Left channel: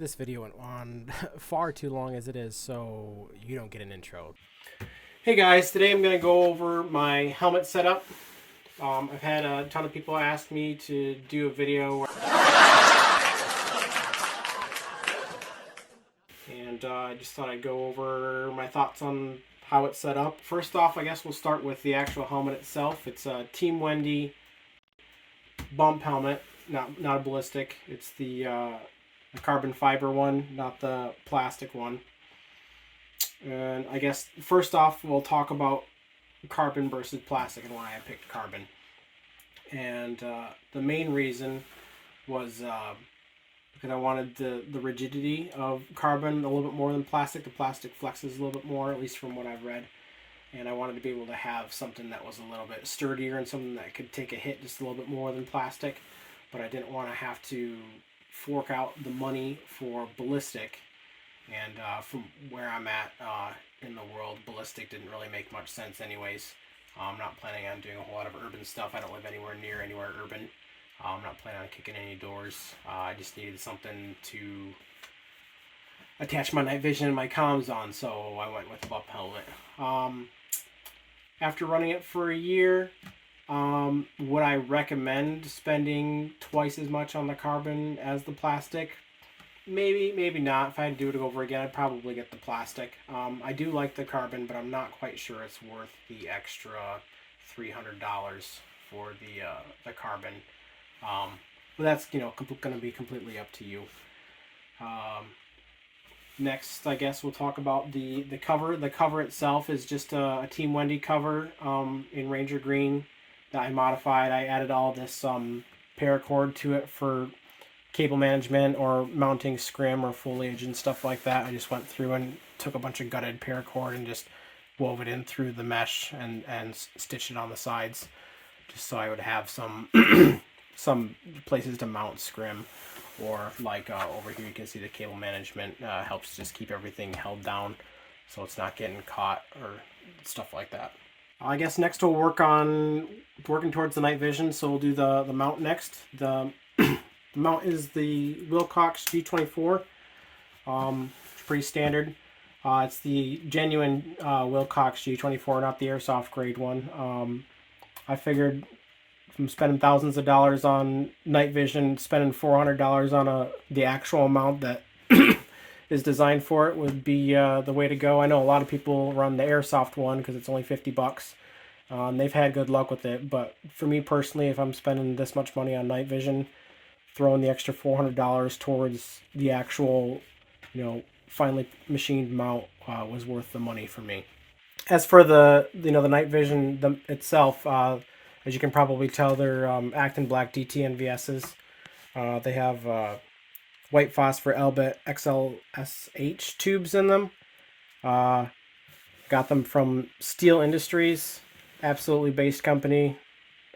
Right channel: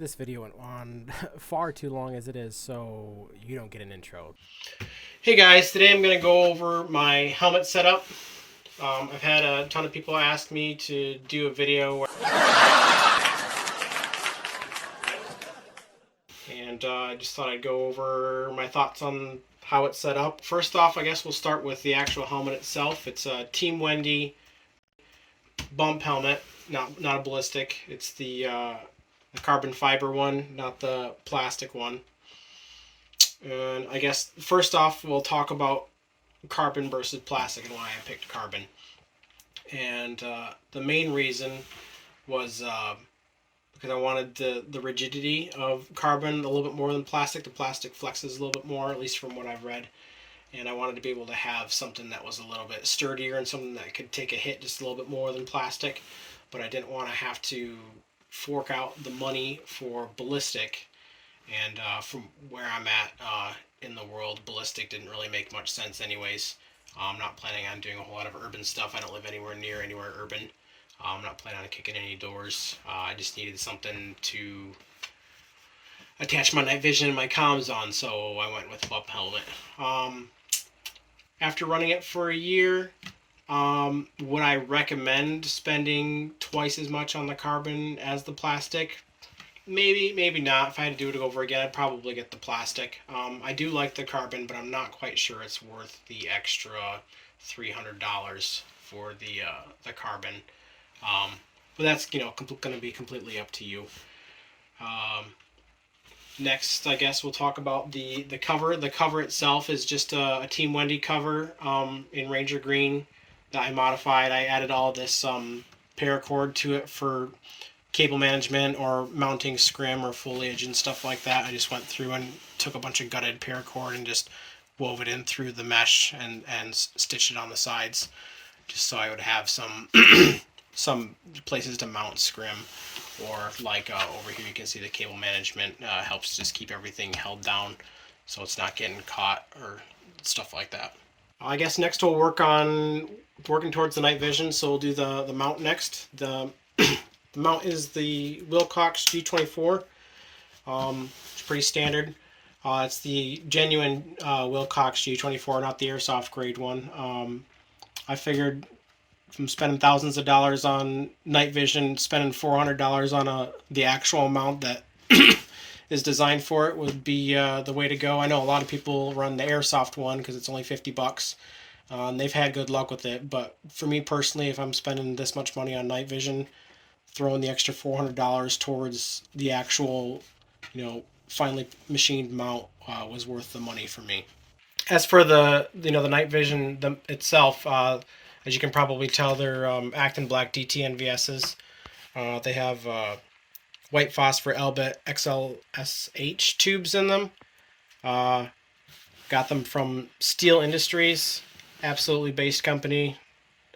This video went on far too long as it is, so you don't get an intro. Hey guys, today I'm going to go over my helmet setup. I've had a ton of people ask me to do a video and I just thought I'd go over my thoughts on how it's set up. First off, I guess we'll start with the actual helmet itself. It's a Team Wendy bump helmet, not a ballistic. It's the carbon fiber one, not the plastic one. And I guess first off we'll talk about carbon versus plastic and why I picked carbon. And the main reason was because I wanted the rigidity of carbon a little bit more than plastic. The plastic flexes a little bit more, at least from what I've read. And I wanted to be able to have something that was a little bit sturdier and something that could take a hit just a little bit more than plastic. But I didn't want to have to fork out the money for ballistic. And from where I'm at in the world, ballistic didn't really make much sense anyways. I'm not planning on doing a whole lot of urban stuff. I don't live anywhere near anywhere urban. I'm not planning on kicking any doors. I just needed something to attach my night vision and my comms on, so I went with bump helmet. After running it for a year, would I recommend spending twice as much on the carbon as the plastic? Maybe, maybe not. If I had to do it over again, I'd probably get the plastic. I do like the carbon, but I'm not quite sure it's worth the extra $300 for the carbon. But that's, going to be completely up to you. Next, I guess we'll talk about the cover. The cover itself is just a Team Wendy cover in Ranger Green that I modified. I added all this paracord to it for cable management or mounting scrim or foliage and stuff like that. I just went through and took a bunch of gutted paracord and just wove it in through the mesh and stitched it on the sides, just so I would have some some places to mount scrim, or like over here you can see the cable management helps just keep everything held down so it's not getting caught or stuff like that. I guess next we'll working towards the night vision, so we'll do the mount next. The mount is the Wilcox G24. It's pretty standard. It's the genuine Wilcox G24, not the airsoft grade one. I figured from spending thousands of dollars on night vision, spending $400 on the actual mount that is designed for it would be the way to go. I know a lot of people run the airsoft one because it's only $50. And they've had good luck with it, but for me personally, if I'm spending this much money on night vision, throwing the extra $400 towards the actual, finely machined mount was worth the money for me. As for the night vision itself, as you can probably tell, they're Acton Black DT NVSs. They have white phosphor Elbit XLSH tubes in them. Got them from Steel Industries, absolutely based company.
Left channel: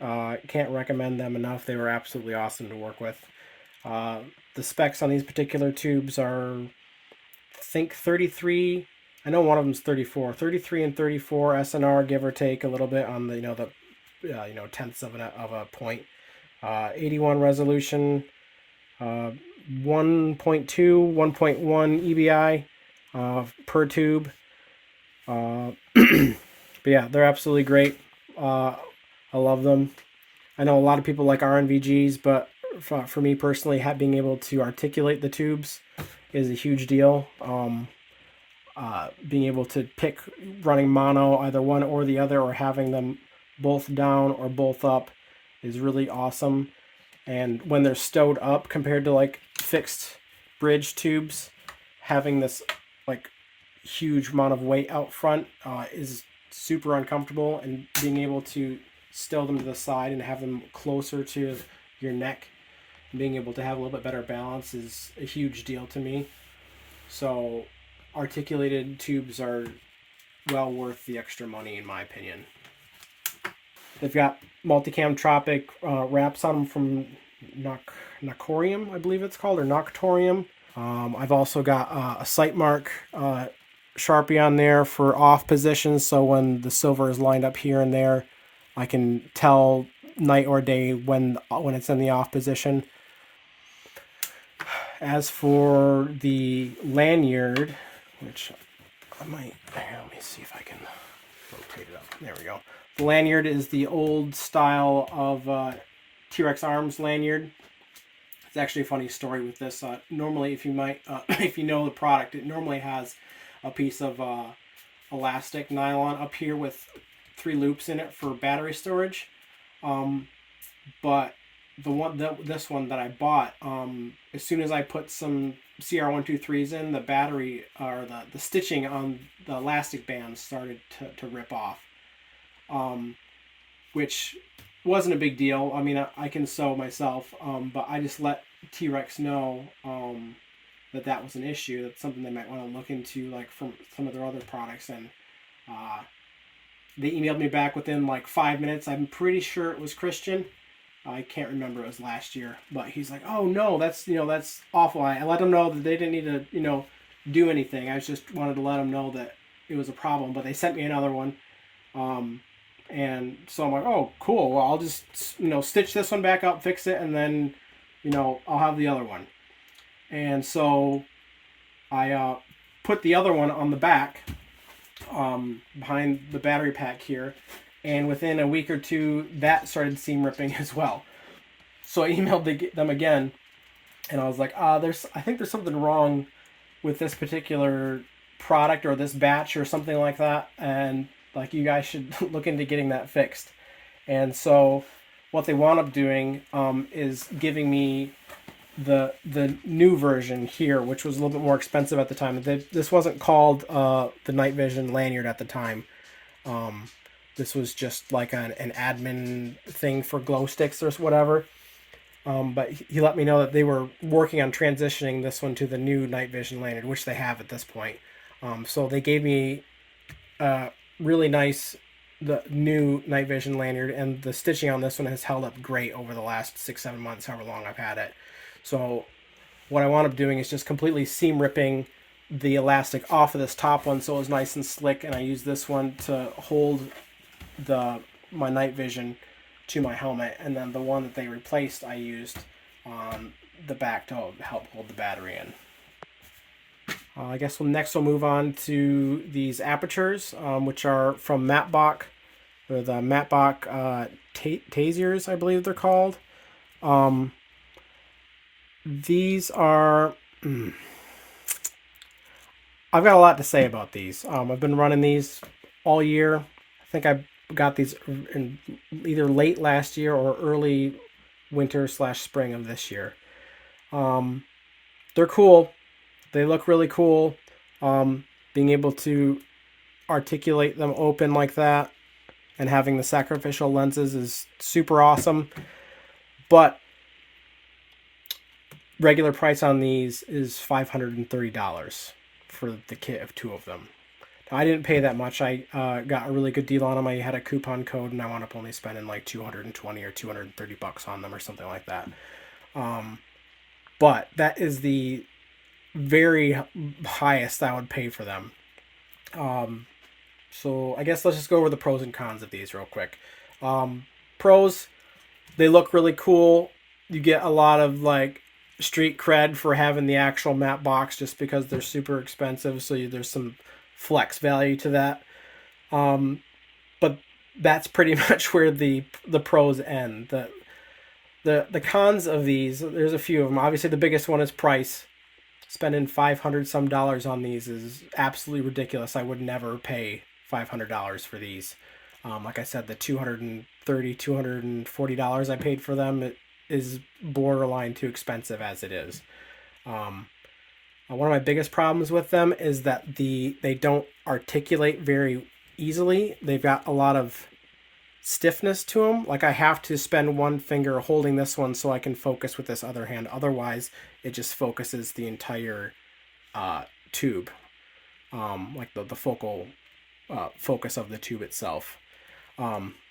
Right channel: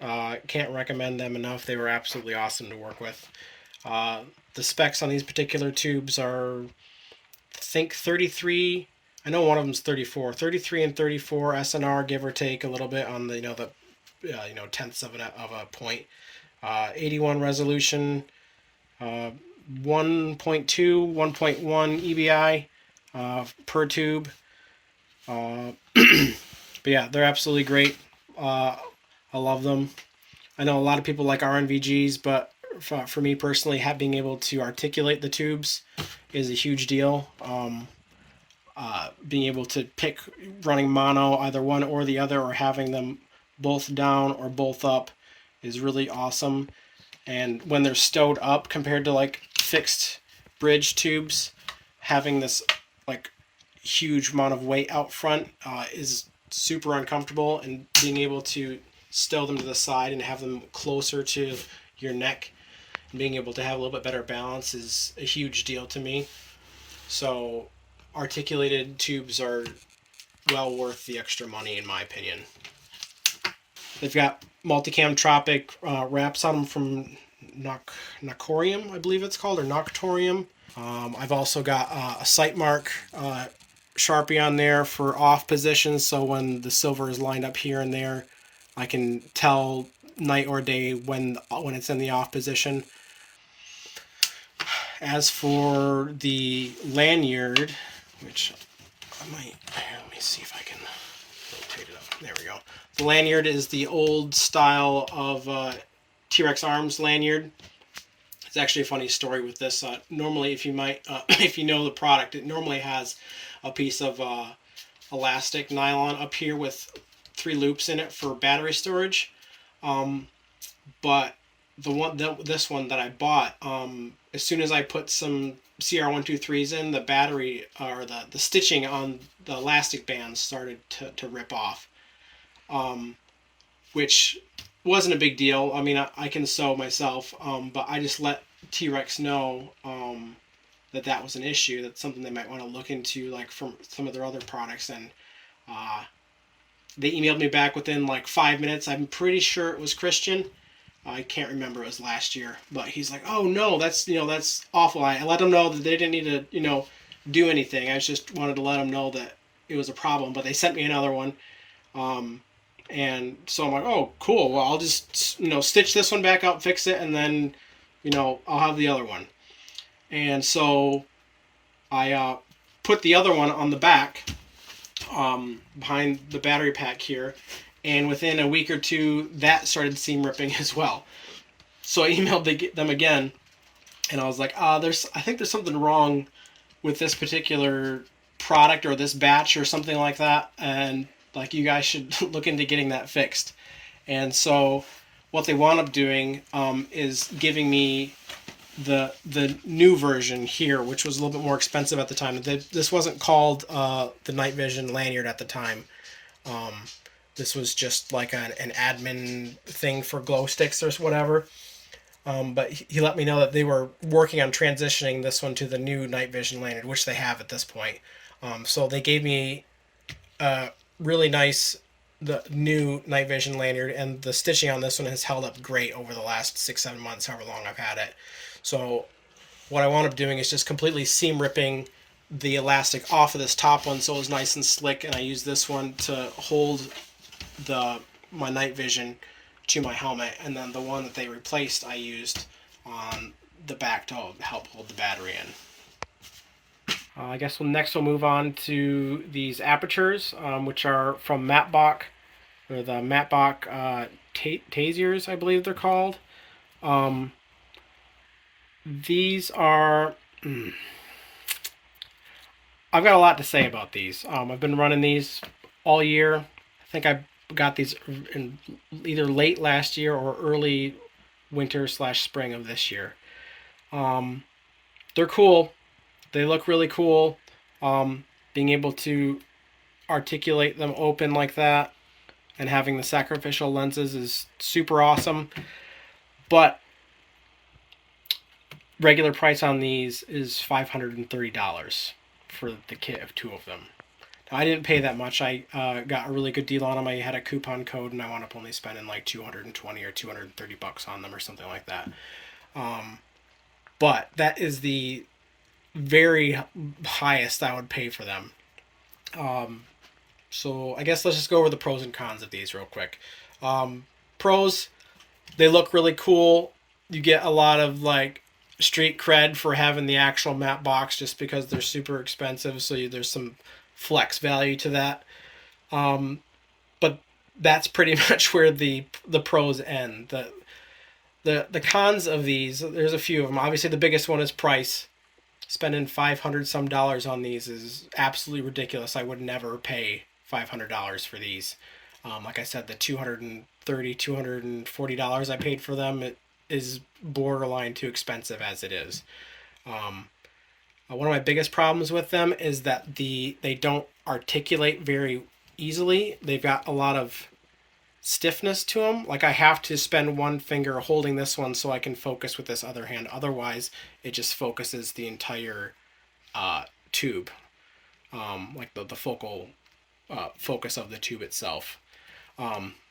Can't recommend them enough. They were absolutely awesome to work with. The specs on these particular tubes are, I think, 33. I know one of them's 34. 33 and 34 SNR, give or take a little bit on the tenths of a point. 81 resolution, 1.2, 1.1 EBI per tube. But yeah, they're absolutely great. I love them. I know a lot of people like NVGs, but for me personally, being able to articulate the tubes is a huge deal. Being able to pick running mono, either one or the other, or having them both down or both up is really awesome. And when they're stowed up compared to like fixed bridge tubes, having this like huge amount of weight out front is super uncomfortable, and being able to stow them to the side and have them closer to your neck and being able to have a little bit better balance is a huge deal to me. So articulated tubes are well worth the extra money in my opinion. They've got multicam Tropic wraps on them from Noctorium, I believe it's called, or Noctorium. I've also got a sight mark Sharpie on there for off positions, so when the silver is lined up here and there, I can tell night or day when it's in the off position. As for the lanyard, which I might, let me see if I can rotate it up. There we go. The lanyard is the old style of Trex Arms Lanyard. It's actually a funny story with this. Normally, if you if you know the product, it normally has a piece of elastic nylon up here with 3 loops in it for battery storage. But this one that I bought, as soon as I put some CR123s in, the battery or the stitching on the elastic bands started to rip off, which wasn't a big deal. I mean, I can sew myself, but I just let Trex know that was an issue. That's something they might want to look into, like from some of their other products. And they emailed me back within like 5 minutes. I'm pretty sure it was Christian. I can't remember, it was last year, but he's like, oh no, that's awful. I let them know that they didn't need to do anything. I just wanted to let them know that it was a problem, but they sent me another one. And so I'm like, oh cool, well I'll just stitch this one back up, fix it, and then I'll have the other one. And so I put the other one on the back, behind the battery pack here, and within a week or two that started seam ripping as well. So I emailed them again, and I was like, I think there's something wrong with this particular product or this batch or something like that, and like you guys should look into getting that fixed. And so what they wound up doing is giving me the new version here, which was a little bit more expensive at the time. This wasn't called the Night Vision Lanyard at the time. This was just like an admin thing for glow sticks or whatever. But he let me know that they were working on transitioning this one to the new Night Vision Lanyard, which they have at this point. So they gave me really nice, the new Night Vision Lanyard, and the stitching on this one has held up great over the last 6-7 months, however long I've had it. So what I wound up doing is just completely seam ripping the elastic off of this top one so it was nice and slick, and I used this one to hold my night vision to my helmet, and then the one that they replaced I used on the back to help hold the battery in. I guess next we'll move on to these apertures, which are from Matbock. They're the Matbock Tasers, I believe they're called. These are... I've got a lot to say about these. I've been running these all year. I think I got these in either late last year or early winter/spring of this year. They're cool. They look really cool. Being able to articulate them open like that and having the sacrificial lenses is super awesome. But regular price on these is $530 for the kit of 2 of them. Now, I didn't pay that much. I got a really good deal on them. I had a coupon code, and I wound up only spending like $220 or $230 on them or something like that. But that is the very highest I would pay for them. So I guess let's just go over the pros and cons of these real quick. Pros, they look really cool. You get a lot of like street cred for having the actual Matbocks just because they're super expensive, so there's some flex value to that. But that's pretty much where the pros end. The cons of these, there's a few of them. Obviously the biggest one is price. Spending $500 some on these is absolutely ridiculous. I would never pay $500 for these. Like I said, the $230, $240 I paid for them, it is borderline too expensive as it is. One of my biggest problems with them is that they don't articulate very easily. They've got a lot of stiffness to them. Like I have to spend one finger holding this one so I can focus with this other hand. Otherwise, it just focuses the entire tube, like the focal focus of the tube itself.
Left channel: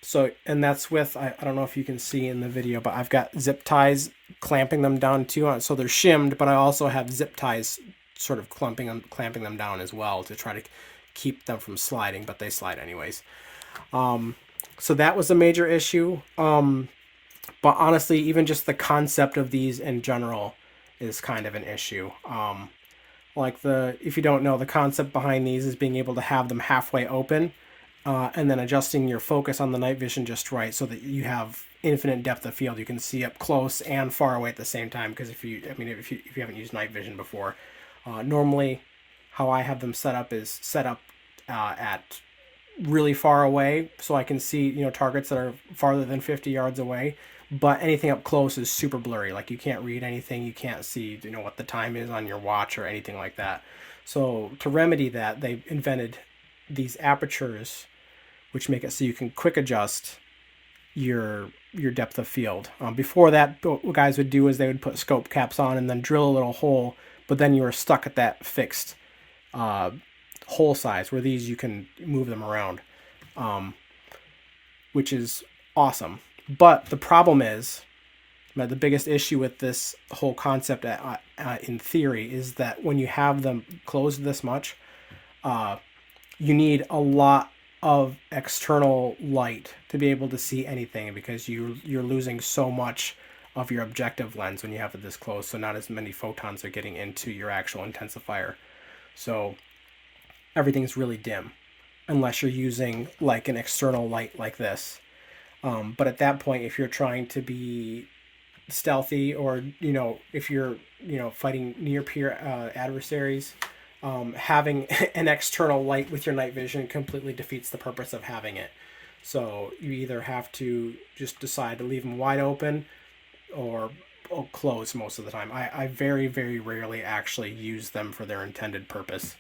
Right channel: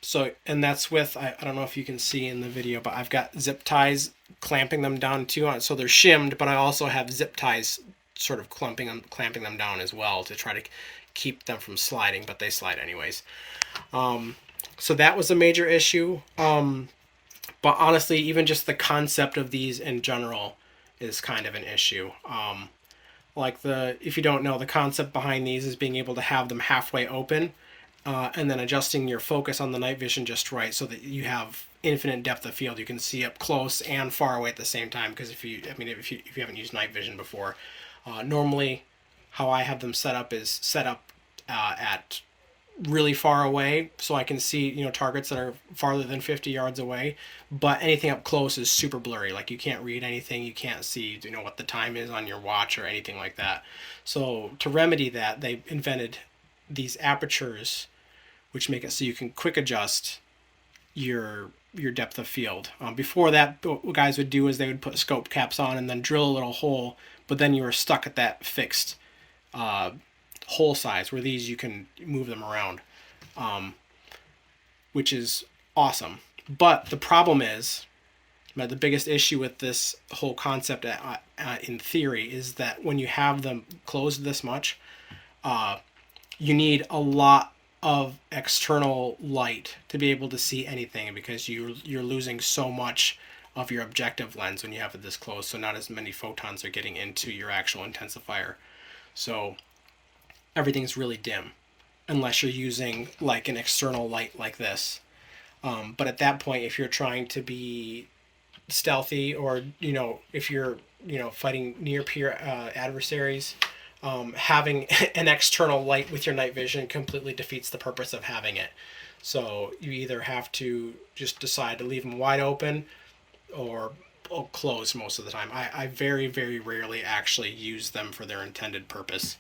So, and that's with, I don't know if you can see in the video, but I've got zip ties clamping them down too. So they're shimmed, but I also have zip ties sort of clamping them down as well to try to keep them from sliding, but they slide anyways. So that was a major issue. But honestly, even just the concept of these in general is kind of an issue. Like if you don't know, the concept behind these is being able to have them halfway open, and then adjusting your focus on the night vision just right so that you have infinite depth of field. You can see up close and far away at the same time. Because if you haven't used night vision before, normally how I have them set up is set up at really far away, so I can see targets that are farther than 50 yards away. But anything up close is super blurry. Like you can't read anything. You can't see what the time is on your watch or anything like that. So to remedy that, they invented these apertures, which make it so you can quick adjust your depth of field. Before that, what guys would do is they would put scope caps on and then drill a little hole, but then you were stuck at that fixed hole size, where these you can move them around, which is awesome. But the problem is, the biggest issue with this whole concept in theory is that when you have them closed this much, you need a lot of external light to be able to see anything, because you're losing so much of your objective lens when you have it this close, so not as many photons are getting into your actual intensifier. So everything's really dim unless you're using like an external light like this. But at that point, if you're trying to be stealthy, or if you're fighting near peer adversaries, having an external light with your night vision completely defeats the purpose of having it. So you either have to just decide to leave them wide open or closed most of the time. I very, very rarely actually use them for their intended purpose.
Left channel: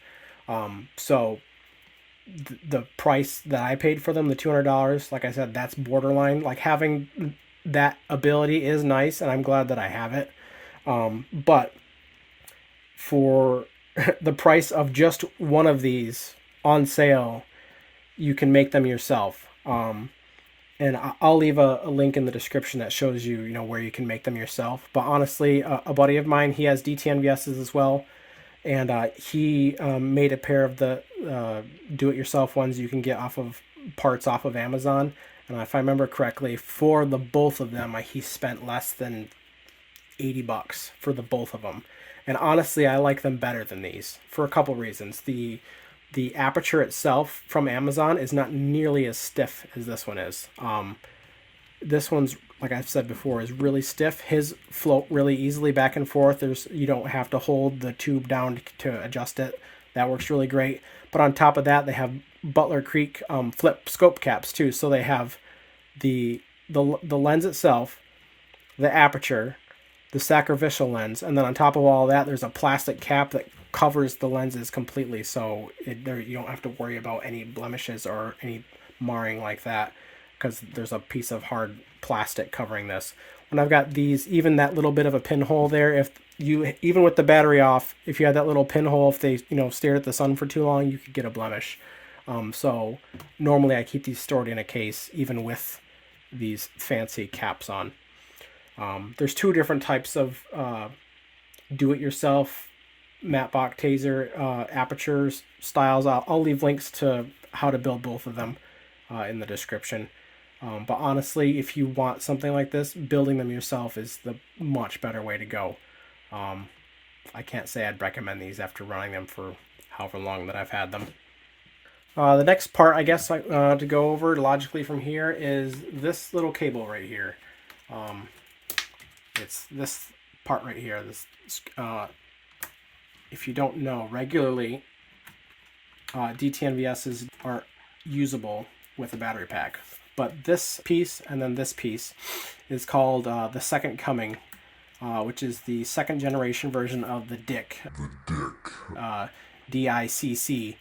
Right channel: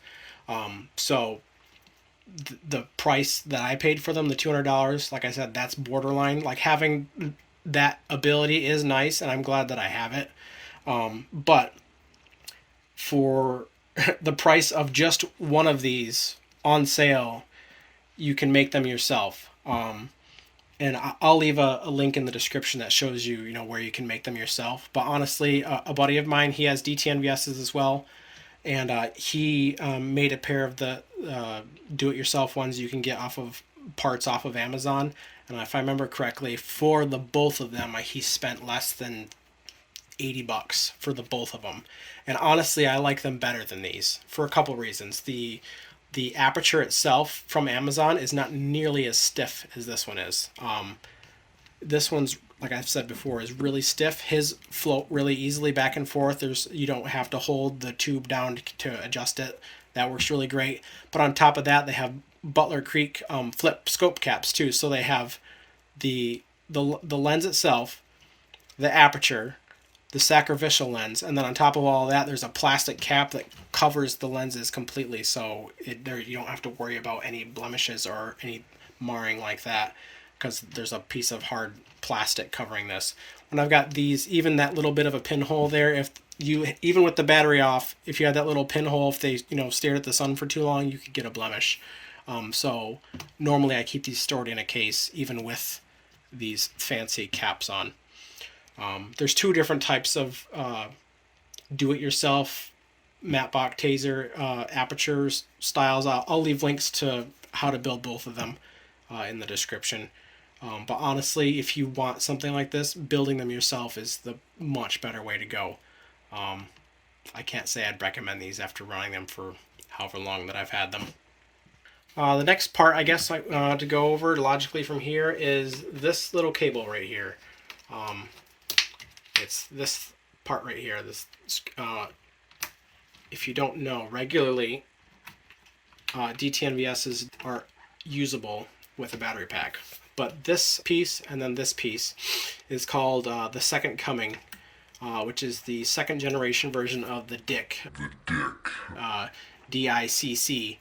So the price that I paid for them, the $200, like I said, that's borderline. Like, having that ability is nice, and I'm glad that I have it. But for the price of just one of these on sale, you can make them yourself. And I'll leave a link in the description that shows you, where you can make them yourself. But honestly, a buddy of mine, he has DTNVSs as well. And he made a pair of the do-it-yourself ones you can get parts off of Amazon. And if I remember correctly, for the both of them, he spent less than $80 for the both of them. And honestly, I like them better than these for a couple reasons. The aperture itself from Amazon is not nearly as stiff as this one is. This one's, like I've said before, is really stiff. His float really easily back and forth. You don't have to hold the tube down to adjust it. That works really great. But on top of that, they have Butler Creek flip scope caps too. So they have the lens itself, the aperture, the sacrificial lens, and then on top of all that, there's a plastic cap that covers the lenses completely, so you don't have to worry about any blemishes or any marring like that, because there's a piece of hard plastic covering this. And I've got these, even that little bit of a pinhole there, even with the battery off, if you had that little pinhole, if they stared at the sun for too long, you could get a blemish. So normally I keep these stored in a case, even with these fancy caps on. There's two different types of do-it-yourself Matbock taser apertures styles. I'll leave links to how to build both of them in the description. But honestly, if you want something like this, building them yourself is the much better way to go. I can't say I'd recommend these after running them for however long that I've had them. The next part, I guess, to go over logically from here is this little cable right here. It's this part right here. If you don't know, regularly DTNVSs aren't usable with a battery pack. But this piece and then this piece is called the Second Coming, which is the second generation version of the DICC. DICC,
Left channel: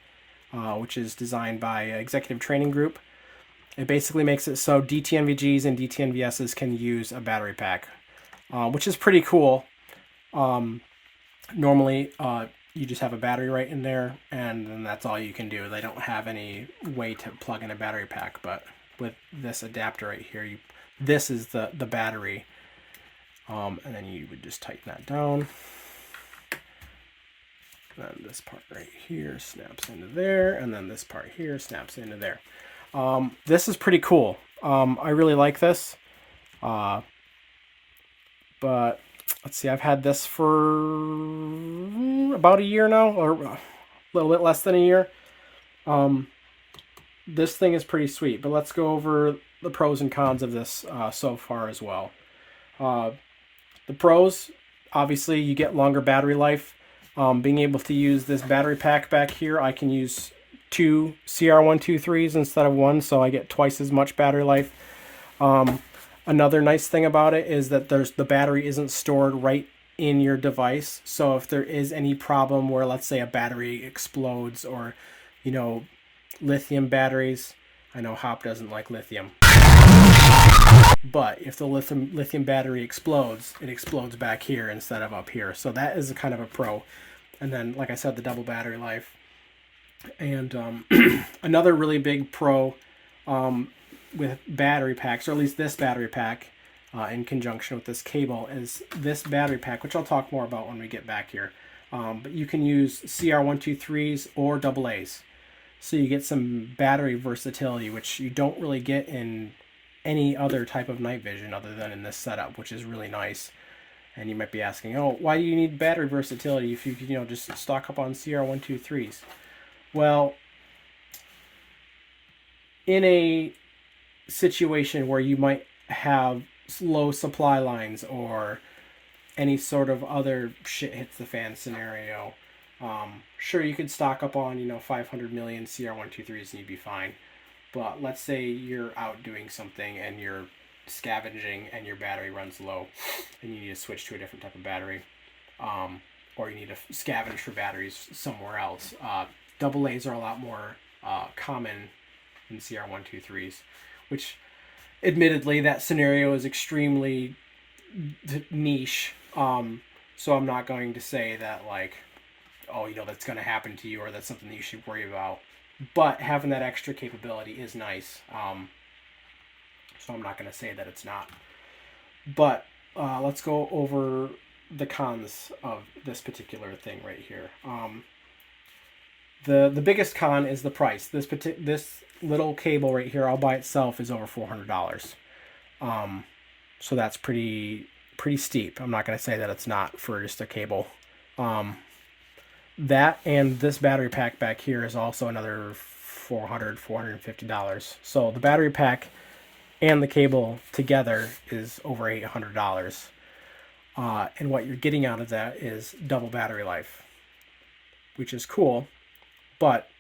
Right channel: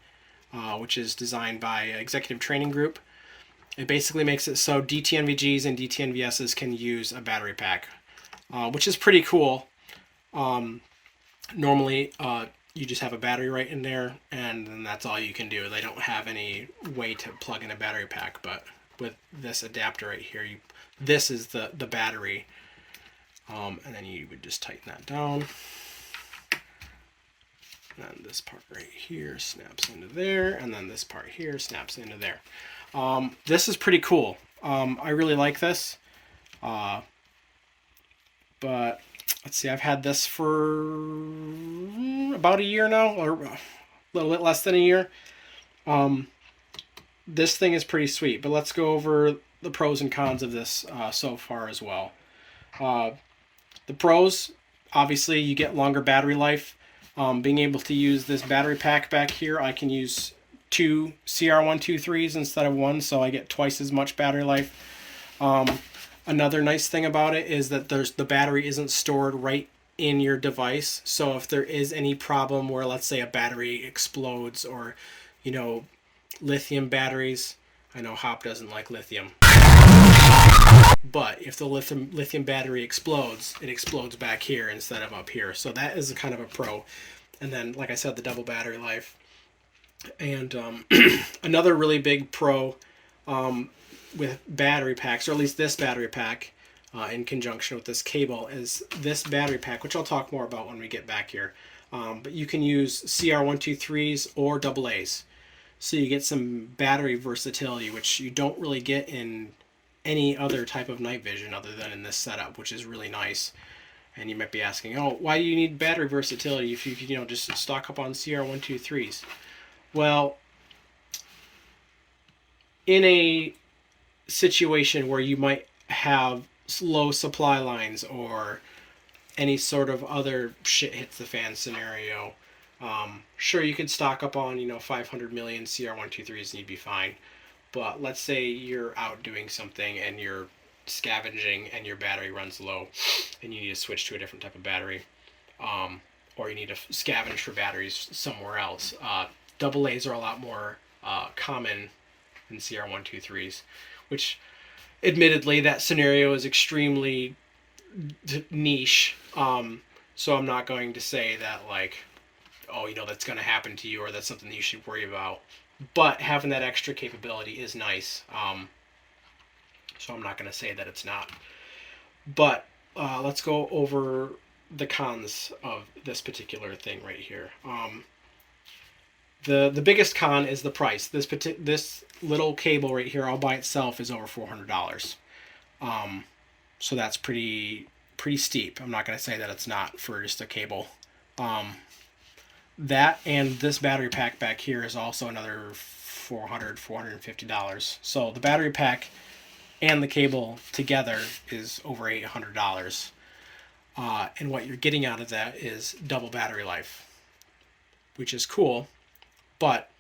which is designed by Executive Training Group. It basically makes it so DTNVGs and DTNVSs can use a battery pack, which is pretty cool. Normally, you just have a battery right in there, and then that's all you can do. They don't have any way to plug in a battery pack, but with this adapter right here, this is the battery, and then you would just tighten that down. And then this part right here snaps into there, and then this part here snaps into there. This is pretty cool. I really like this. But let's see, I've had this for about a year now, or a little bit less than a year. This thing is pretty sweet, but let's go over the pros and cons of this so far as well. The pros, obviously, you get longer battery life. Being able to use this battery pack back here, I can use 2 CR123s instead of 1, so I get twice as much battery life. Another nice thing about it is that the battery isn't stored right in your device, so if there is any problem where, let's say, a battery explodes, or, you know, lithium batteries, I know Hop doesn't like lithium, but if the lithium battery explodes, it explodes back here instead of up here, so that is a kind of a pro. And then, like I said, the double battery life. And another really big pro with battery packs, or at least this battery pack in conjunction with this cable, is this battery pack, which I'll talk more about when we get back here. But you can use CR123s or AA's. So you get some battery versatility, which you don't really get in any other type of night vision other than in this setup, which is really nice. And you might be asking, oh, why do you need battery versatility if you could, just stock up on CR123s? Well, in a situation where you might have low supply lines or any sort of other shit hits the fan scenario, sure, you could stock up on 500 million CR123s and you'd be fine. But let's say you're out doing something and you're scavenging and your battery runs low and you need to switch to a different type of battery, or you need to scavenge for batteries somewhere else. AA's are a lot more common than CR123s, which admittedly that scenario is extremely niche. So I'm not going to say that, like, oh, that's going to happen to you, or that's something that you should worry about. But having that extra capability is nice. So I'm not going to say that it's not. But let's go over the cons of this particular thing right here. The biggest con is the price. This little cable right here, all by itself, is over $400. So that's pretty steep. I'm not going to say that it's not for just a cable. That and this battery pack back here is also another $450. So the battery pack and the cable together is over $800. And what you're getting out of that is double battery life, which is cool. But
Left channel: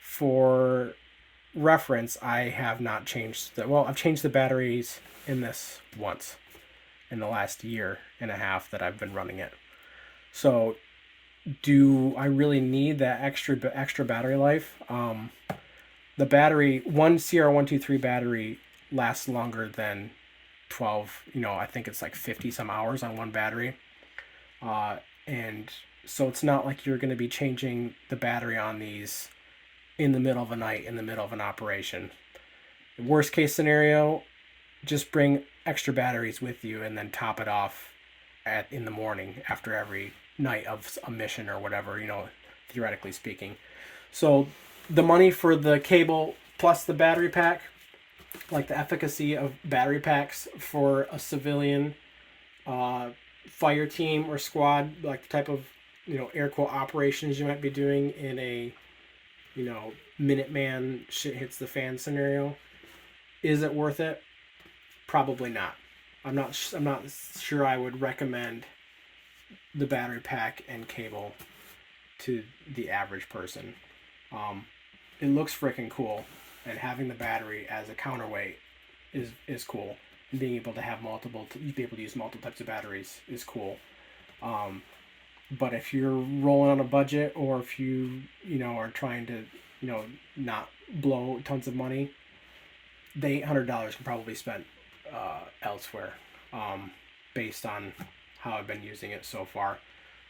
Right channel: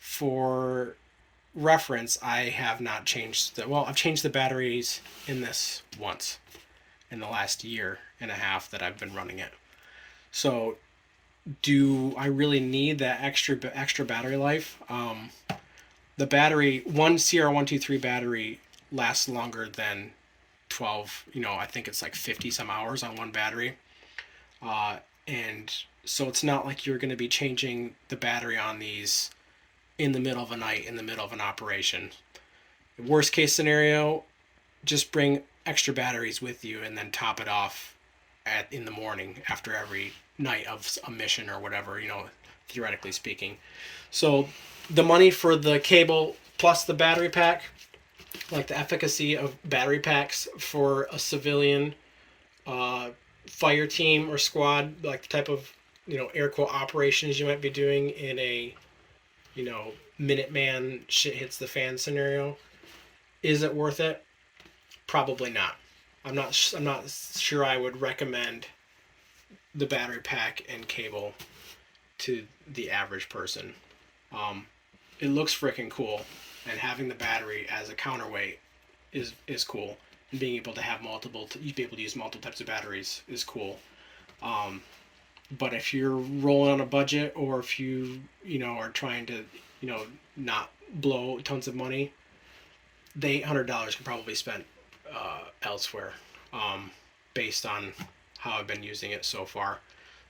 for reference, I have not changed I've changed the batteries in this once in the last year and a half that I've been running it. So do I really need that extra battery life? The battery, one CR123 battery lasts longer than 12, I think it's like 50 some hours on one battery. And so it's not like you're going to be changing the battery on these in the middle of a night, in the middle of an operation. Worst case scenario, just bring extra batteries with you and then top it off in the morning after every night of a mission or whatever, theoretically speaking. So the money for the cable plus the battery pack, like the efficacy of battery packs for a civilian fire team or squad, like the type of air quote operations you might be doing in a Minuteman shit hits the fan scenario, is it worth it? Probably not. I'm not sure I would recommend the battery pack and cable to the average person. It looks freaking cool, and having the battery as a counterweight is cool. And being able to have be able to use multiple types of batteries is cool. But if you're rolling on a budget, or if you are trying to not blow tons of money, the $800 can probably be spent elsewhere, based on how I've been using it so far.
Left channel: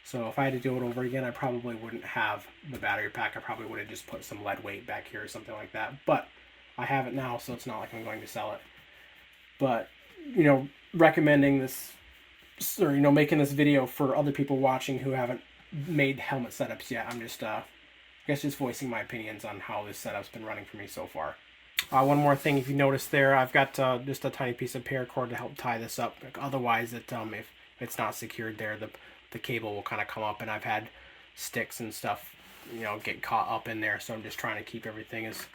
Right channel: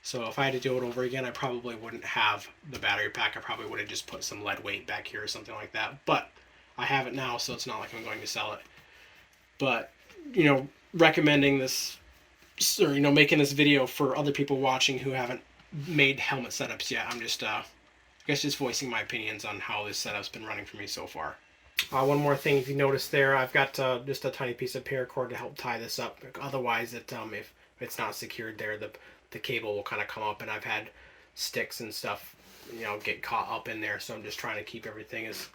So if I had to do it over again, I probably wouldn't have the battery pack. I probably would have just put some lead weight back here or something like that. But I have it now, so it's not like I'm going to sell it. But, recommending this, or, making this video for other people watching who haven't made helmet setups yet. I'm just, I guess, just voicing my opinions on how this setup's been running for me so far. One more thing, if you notice there, I've got just a tiny piece of paracord to help tie this up. Otherwise, if it's not secured there, the cable will kind of come up, and I've had sticks and stuff, you know, get caught up in there. So I'm just trying to keep everything as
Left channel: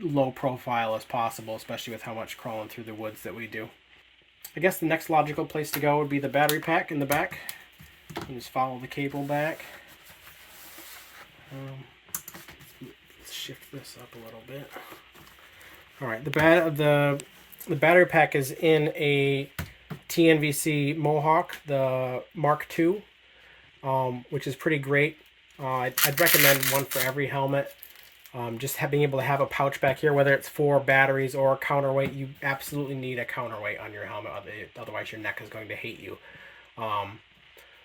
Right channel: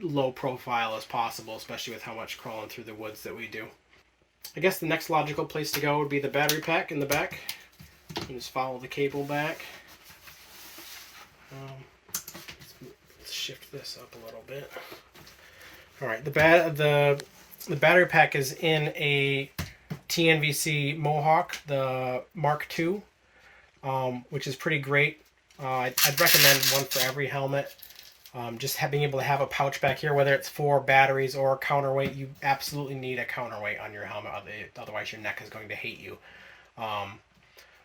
low profile as possible, especially with how much crawling through the woods that we do. I guess the next logical place to go would be the battery pack in the back. You just follow the cable back. Let's shift this up a little bit. All right, the battery pack is in a TNVC Mohawk, the Mark II, which is pretty great. I'd recommend one for every helmet. Just being able to have a pouch back here, whether it's for batteries or counterweight, you absolutely need a counterweight on your helmet. Otherwise, your neck is going to hate you.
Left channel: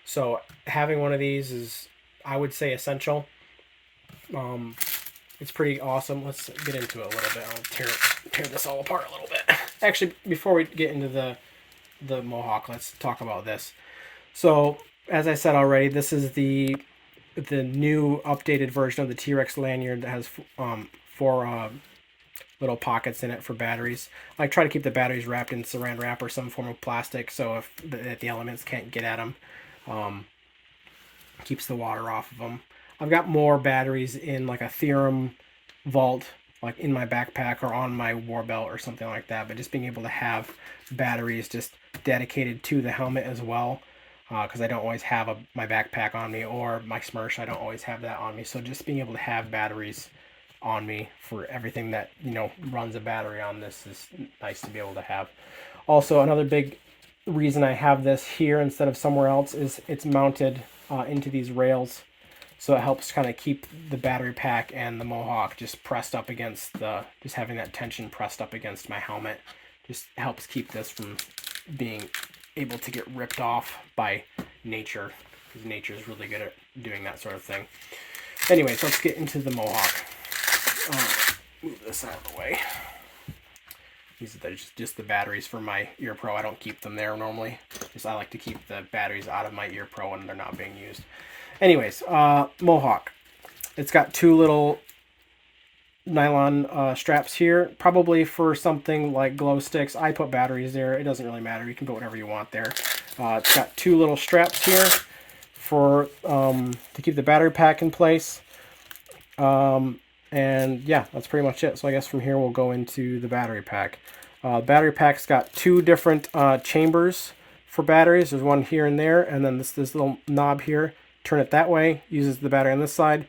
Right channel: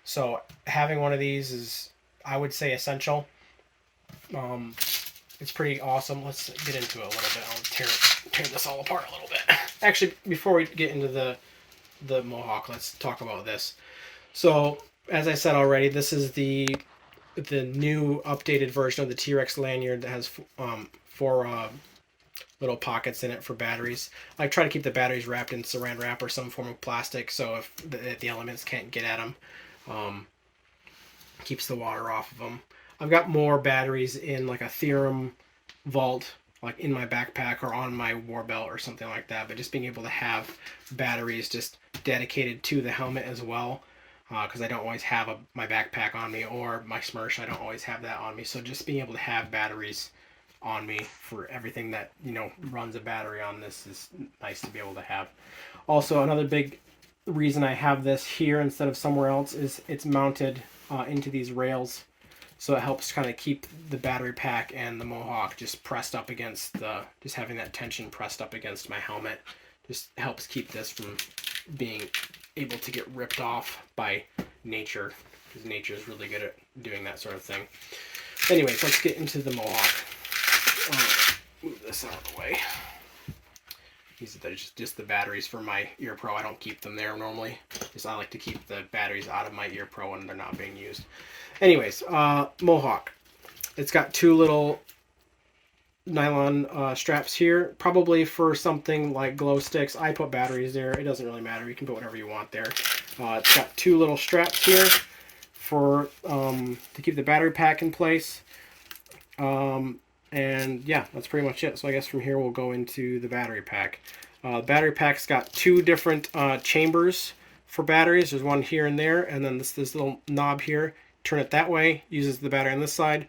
So having one of these is, I would say, essential. It's pretty awesome. Let's get into it a little bit. I'll tear this all apart a little bit. Actually, before we get into the Mohawk, let's talk about this. So, as I said already, this is the new updated version of the Trex lanyard that has 4 little pockets in it for batteries. I try to keep the batteries wrapped in saran wrap or some form of plastic, so if the elements can't get at them, keeps the water off of them. I've got more batteries in like a Theorem vault, like in my backpack or on my war belt or something like that. But just being able to have batteries just dedicated to the helmet as well, because I don't always have my backpack on me, or my Smersh, I don't always have that on me. So just being able to have batteries on me for everything that, you know, runs a battery on this is nice to be able to have. Also, another big reason I have this here instead of somewhere else is it's mounted into these rails. So it helps kind of keep the battery pack and the Mohawk just pressed up against just having that tension pressed up against my helmet. Just helps keep this from being able to get ripped off by nature, because nature is really good at doing that sort of thing. Anyways, let's get into the Mohawk. Move this out of the way. These are just the batteries for my Ear Pro. I don't keep them there normally. Just I like to keep the batteries out of my Ear Pro when they're not being used. Anyways, Mohawk. It's got 2 little nylon straps here, probably for something like glow sticks. I put batteries there. It doesn't really matter. You can put whatever you want there. It's got 2 little straps here for to keep the battery pack in place. And yeah, that's pretty much it. So I guess from here we'll go into the battery pack. Battery pack's got 2 different chambers for batteries. There's one here and there, and then this little knob here. Turn it that way, uses the battery on this side.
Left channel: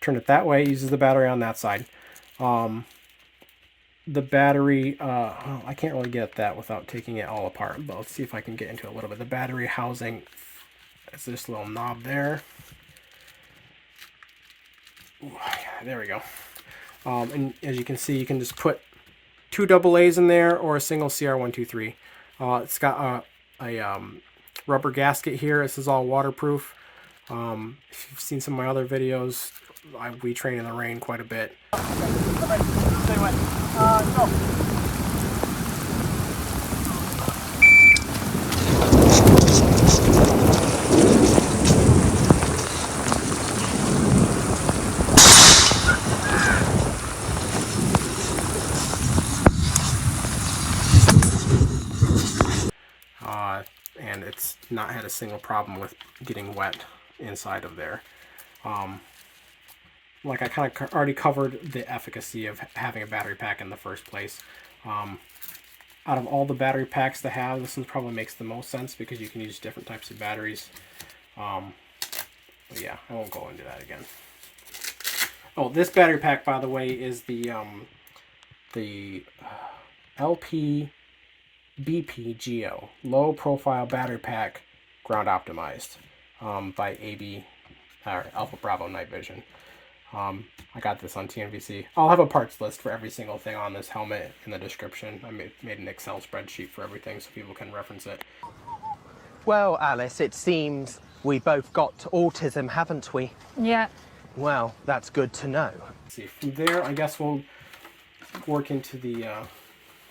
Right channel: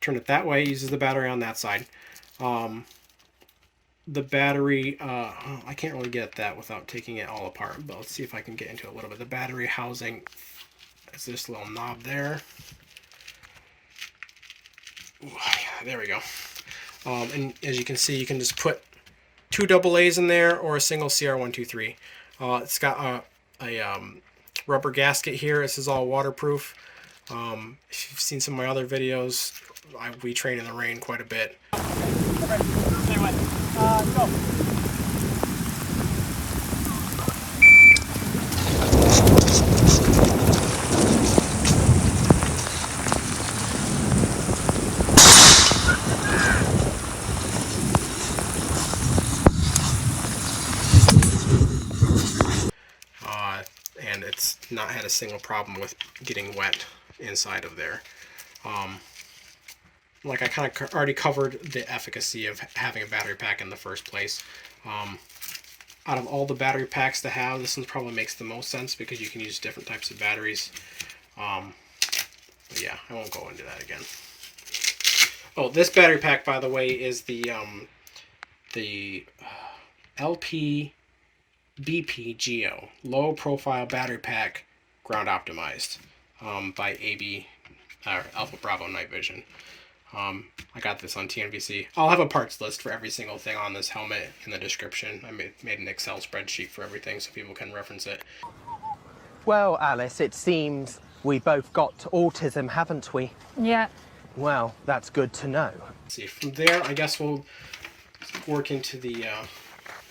Turn it that way, uses the battery on that side. The battery, I can't really get at that without taking it all apart, but let's see if I can get into it a little bit. The battery housing is this little knob there. Ooh, yeah, there we go. And as you can see, you can just put 2 AA's in there or a single CR123. It's got a rubber gasket here. This is all waterproof. If you've seen some of my other videos, we train in the rain quite a bit. And it's not had a single problem with getting wet inside of there. Like I kind of already covered the efficacy of having a battery pack in the first place. Out of all the battery packs to have, this one probably makes the most sense because you can use different types of batteries. But yeah, I won't go into that again. Oh, this battery pack, by the way, is the LP BP Geo low profile battery pack, ground optimized, by AB Alpha Bravo Night Vision. I got this on TNVC. I'll have a parts list for every single thing on this helmet in the description. I made an Excel spreadsheet for everything so people can reference it. Well, Alice, it seems we both got autism, haven't we? Yeah. Well, that's good to know. Let's see, from there, I guess we'll work into the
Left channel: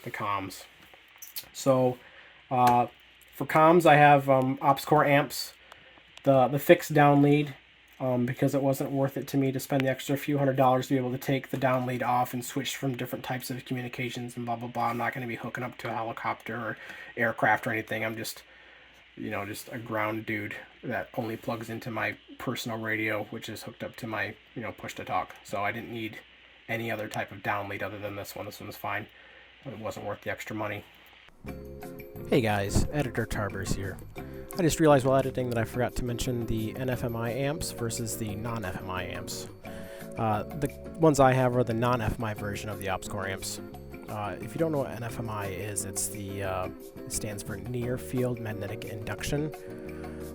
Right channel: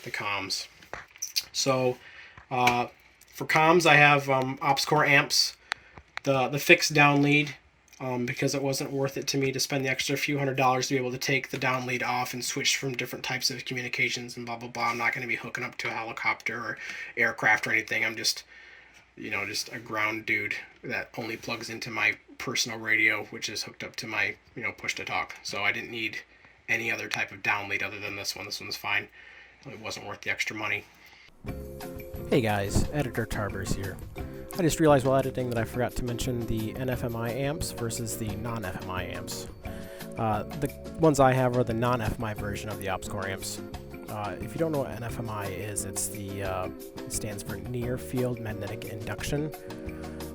comms. So, for comms, I have Ops Core amps, the fixed down lead. because it wasn't worth it to me to spend the extra few $100s to be able to take the down lead off and switch from different types of communications and blah, blah, blah. I'm not going to be hooking up to a helicopter or aircraft or anything. I'm just, just a ground dude that only plugs into my personal radio, which is hooked up to my, push to talk. So I didn't need any other type of down lead other than this one. This one's fine. It wasn't worth the extra money. Hey guys, Editor Tarbers here. I just realized while editing that I forgot to mention the NFMI amps versus the non-FMI amps. The ones I have are the non-FMI version of the OpsCore amps. If you don't know what NFMI is, it stands for Near Field Magnetic Induction.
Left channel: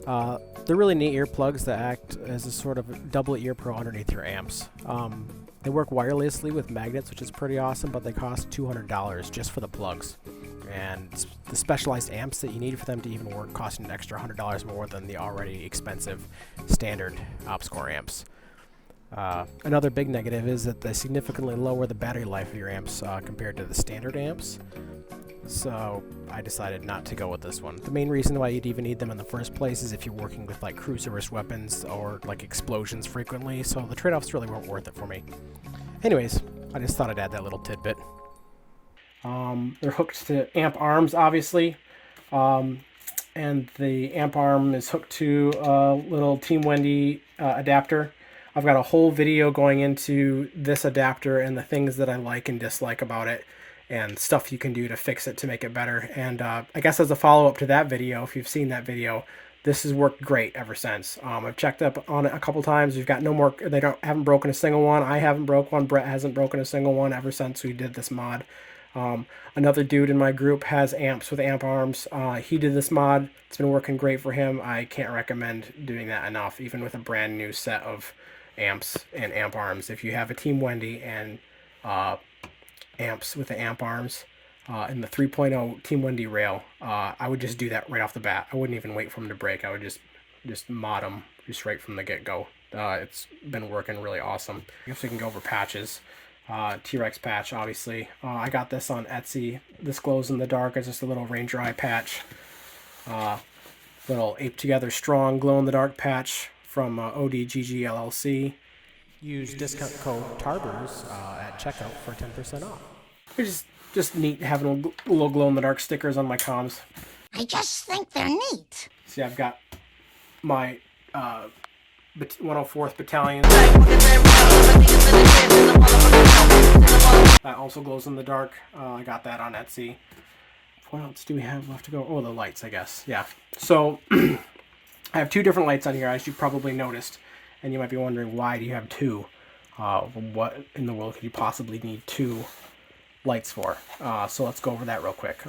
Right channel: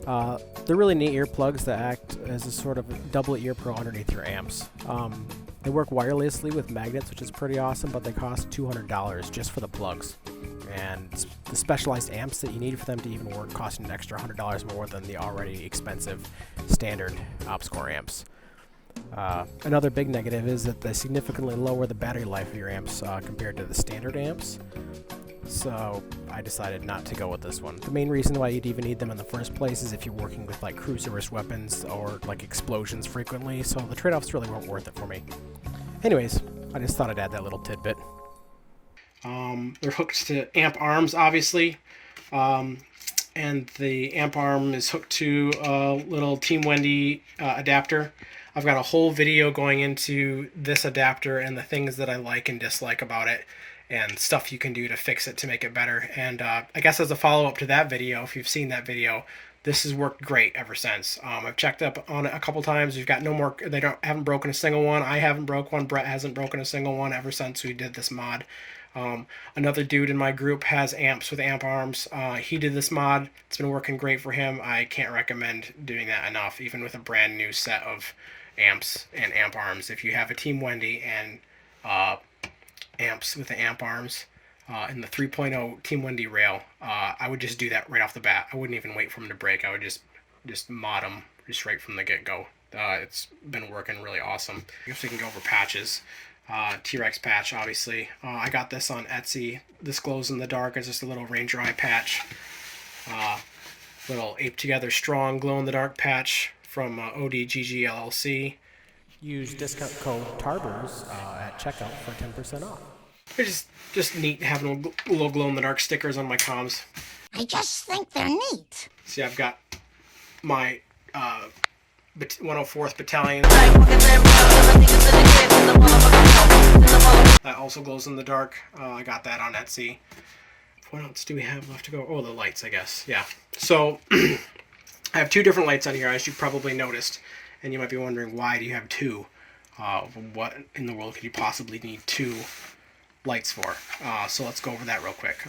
They're really neat earplugs that act as a sort of double ear pro underneath your amps. They work wirelessly with magnets, which is pretty awesome, but they cost $200 just for the plugs. And the specialized amps that you need for them to even work cost an extra $100 more than the already expensive standard OpsCore amps. Another big negative is that they significantly lower the battery life of your amps compared to the standard amps. So I decided not to go with this one. The main reason why you'd even need them in the first place is if you're working with like cruiserist weapons or like explosions frequently, so the trade-offs really weren't worth it for me. Anyways, I just thought I'd add that little tidbit. They're hooked to amp arms, obviously, and the amp arm is hooked to a little Team Wendy adapter. I've got a whole video going into this adapter and the things that I like and dislike about it and stuff you can do to fix it to make it better. And I guess as a follow-up to that video, if you've seen that video, this has worked great ever since. I've checked up on it a couple times. We've got no more, haven't broken a single one. I haven't broke one. Brett hasn't broken a single one ever since we did this mod. Another dude in my group has amps with amp arms. He did this mod. It's been working great for him. I can't recommend doing that enough, even with a brand new set of amps and amp arms. If you have a Team Wendy and amps with the amp arms and the 3.0 Team Wendy rail, I would just do that right off the bat. I wouldn't even wait for them to break. I would just mod them just right from the get-go. It's been working really awesome. I guess we can go over patches. T-Rex patch, obviously. I got this on Etsy. This glows in the dark. It's just a little Ranger Eye patch. Little Ape Together Strong glow in the dark patch from ODGG LLC. Use discount code TARBERS at checkout for 10% off. It's just neat having little glow in the dark stickers on my comms. I just think they're neat. See, I've got my 104th Battalion. That also glows in the dark. I got that on Etsy. What else do we have left to go? Oh, the lights, I guess. Yeah. So I have two different lights on here, as you probably noticed. And you might be wondering, why do you have two? What in the world could you possibly need two lights for? So let's go over that real quick.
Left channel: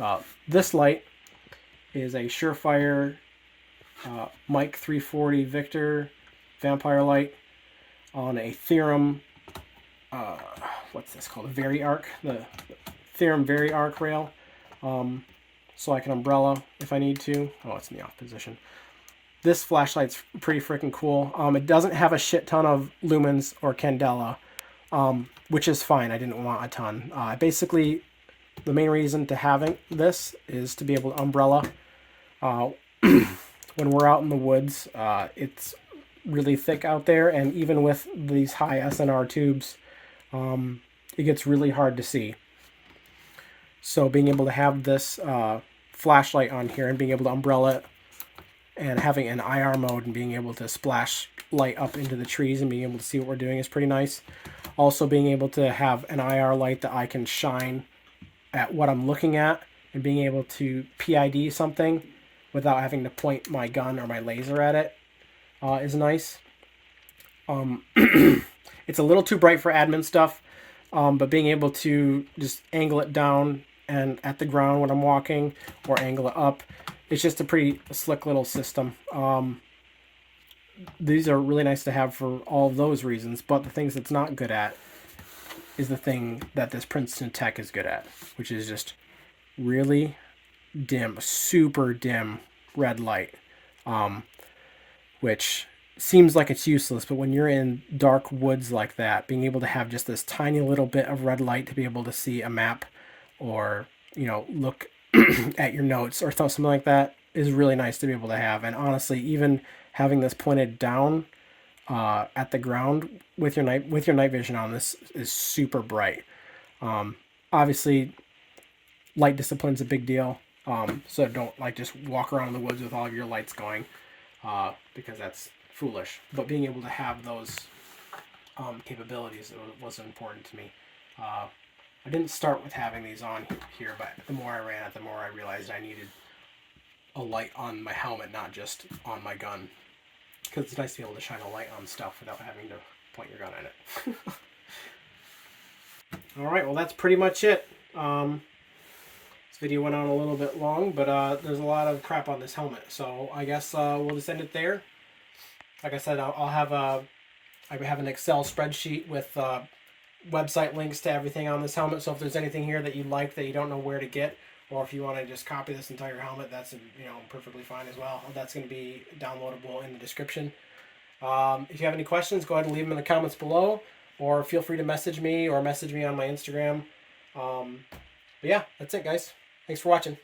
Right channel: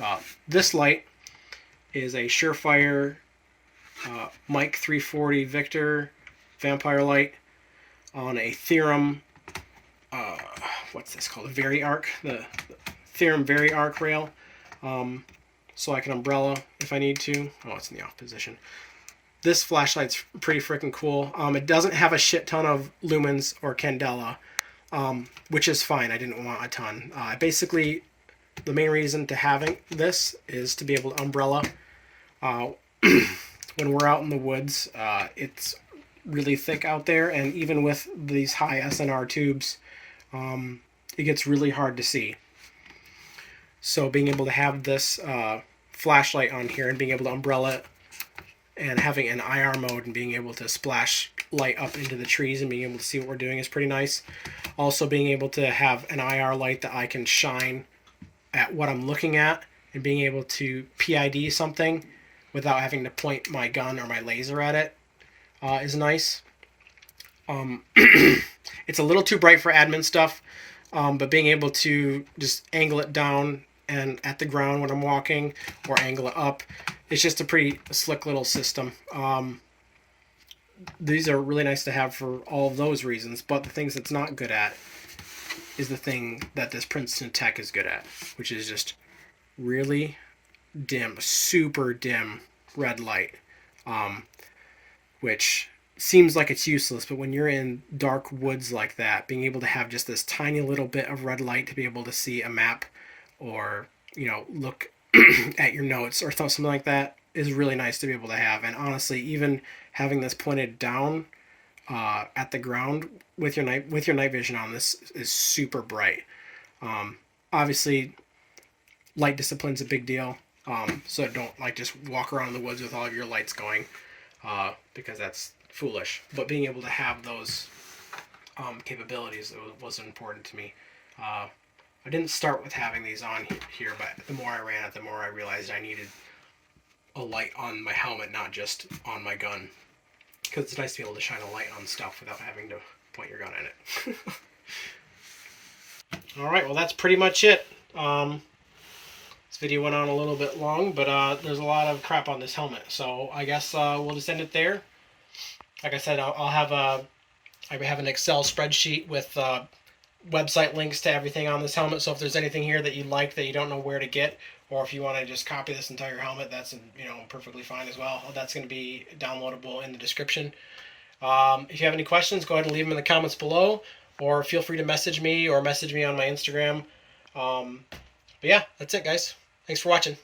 This light is a Surefire Mike 340 Victor vampire light on a Theorem, what's this called? A Very Arc, the Theorem Very Arc rail. So I can umbrella if I need to. Oh, it's in the off position. This flashlight's pretty freaking cool. It doesn't have a shit ton of lumens or candela, which is fine. I didn't want a ton. Basically, the main reason to having this is to be able to umbrella. When we're out in the woods, it's really thick out there, and even with these high SNR tubes, it gets really hard to see. So being able to have this flashlight on here and being able to umbrella it and having an IR mode and being able to splash light up into the trees and being able to see what we're doing is pretty nice. Also being able to have an IR light that I can shine at what I'm looking at and being able to PID something without having to point my gun or my laser at it is nice. It's a little too bright for admin stuff, but being able to just angle it down and at the ground when I'm walking or angle it up, it's just a pretty slick little system. These are really nice to have for all of those reasons, but the things it's not good at is the thing that this Princeton Tech is good at, which is just really dim, super dim red light, which seems like it's useless, but when you're in dark woods like that, being able to have just this tiny little bit of red light to be able to see a map or, look at your notes or something like that is really nice to be able to have. And honestly, even having this pointed down at the ground with your night vision on, this is super bright. Obviously, light discipline's a big deal. So don't like just walk around in the woods with all of your lights going, because that's foolish. But being able to have those capabilities was important to me. I didn't start with having these on here, but the more I ran it, the more I realized I needed a light on my helmet, not just on my gun. Because it's nice to be able to shine a light on stuff without having to point your gun at it. Alright, well that's pretty much it. This video went on a little bit long, but there's a lot of crap on this helmet. So I guess we'll just end it there. Like I said, I have an Excel spreadsheet with website links to everything on this helmet. So if there's anything here that you like that you don't know where to get, or if you want to just copy this entire helmet, that's perfectly fine as well. That's going to be downloadable in the description. If you have any questions, go ahead and leave them in the comments below, or feel free to message me on my Instagram. But yeah, that's it, guys. Thanks for watching.